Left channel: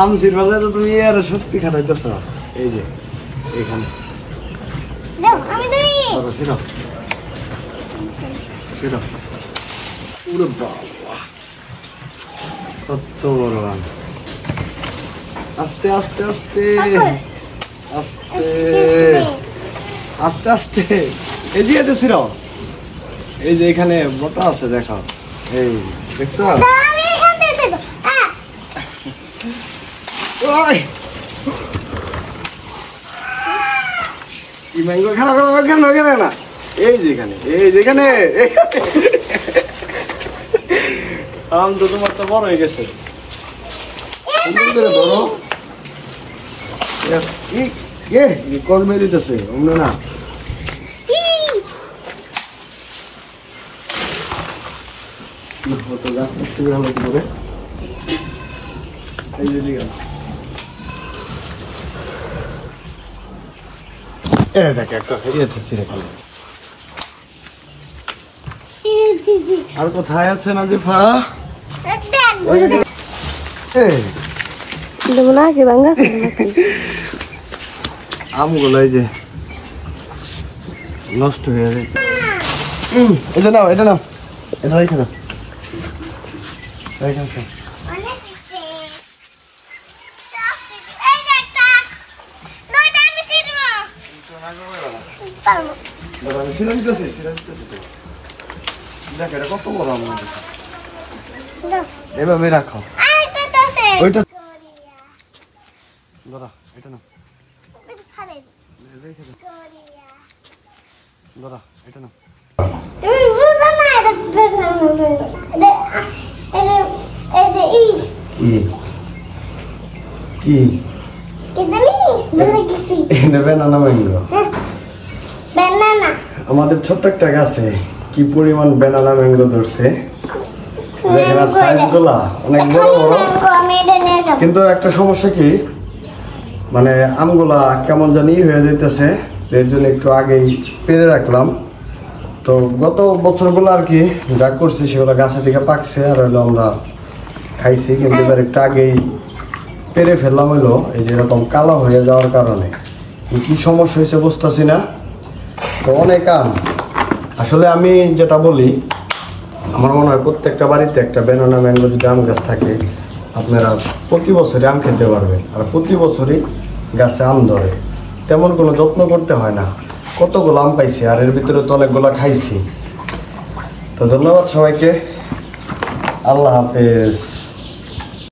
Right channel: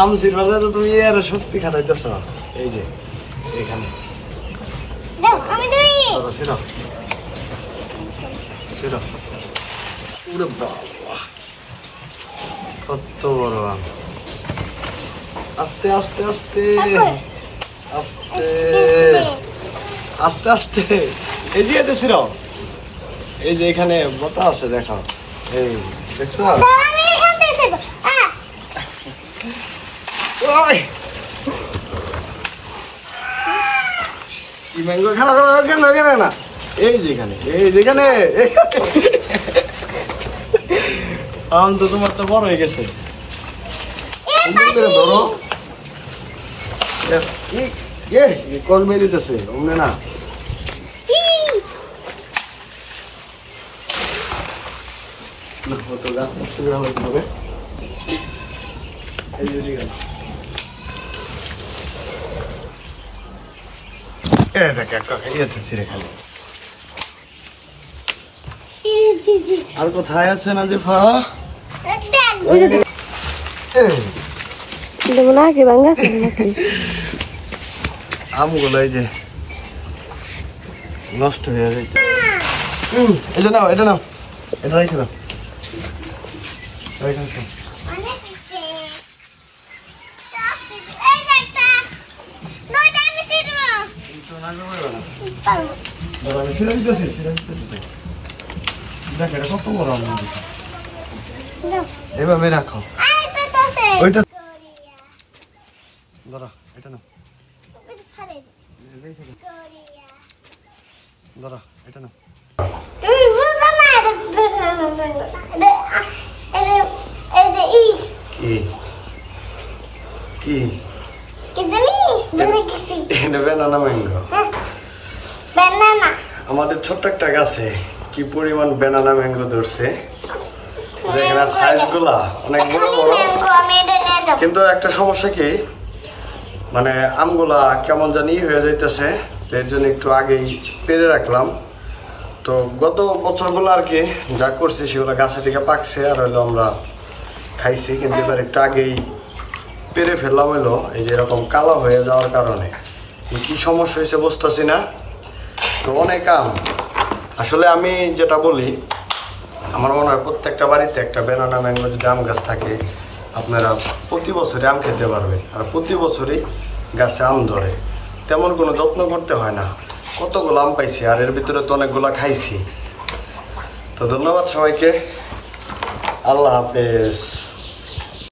আম সিরবালে তো তুমি এর শক্তি খাটাইতেছ এই যে এখানে আস্তে আস্তে আস্তে আস্তে আস্তে আস্তে এই যে এই যে এখানে মোটা আছে দেখো এই দেখছো ম্যাঙ্গো খেলা না এই যেখানে আম তো তোমারটা বড় হয়ে গেছে ধরো কল মেলিতেছে মনে না আর কোথায় আছে নাজিফা আমগুলাই যে নষ্ট হয়ে যায় এটা নাও এটা রেখে নাও এভাবে রাখো ওইটা ধরো এটা নাও ধরো এটা নাও কি ব্যানানা ম্যাঙ্গো আমাদের ছোট্ট একটা গাছে কি পরিমাণ ব্যানানা ম্যাঙ্গো ধরছে দেখেন আর সাইজ গুলা অনেক বড় বড় কিন্তু একটা সমস্যা কি মানে আমগুলা কেমন জানি হয়ে যাইতেছে এর জন্য একটু আগেই পেরে রাখলাম তো গত বছরগুলো আর কি যা করছি সেগুলো গাছে থেকে পাকছে আর হইলো আমরা খাইছি কিন্তু এবার একটু আগেই পেরে ফেললাম হইলো এই যে এরকম কালো হয়ে যাওয়ার কারণে কি সমস্যা হয়েছে বুঝতেছি না তো অনেক আম আসলে আমি যেটা বলি আমার মনে হয় প্রত্যেকটা বাড়িতে একটা ব্যানানা ম্যাঙ্গো যদি আম গাছ থাকে আপনারা প্রতি বছরই আম খেতে পারবেন আর প্রতি বছরই গাছে আম ধরে তেমন কোনো যত্ন করতে হয় না কতগুলো আম পাইছি আর এর ভিতরে তো অনেকগুলো খাইছি তো ধন্যবাদ সবাইকে আল্লাহ হাফেজ।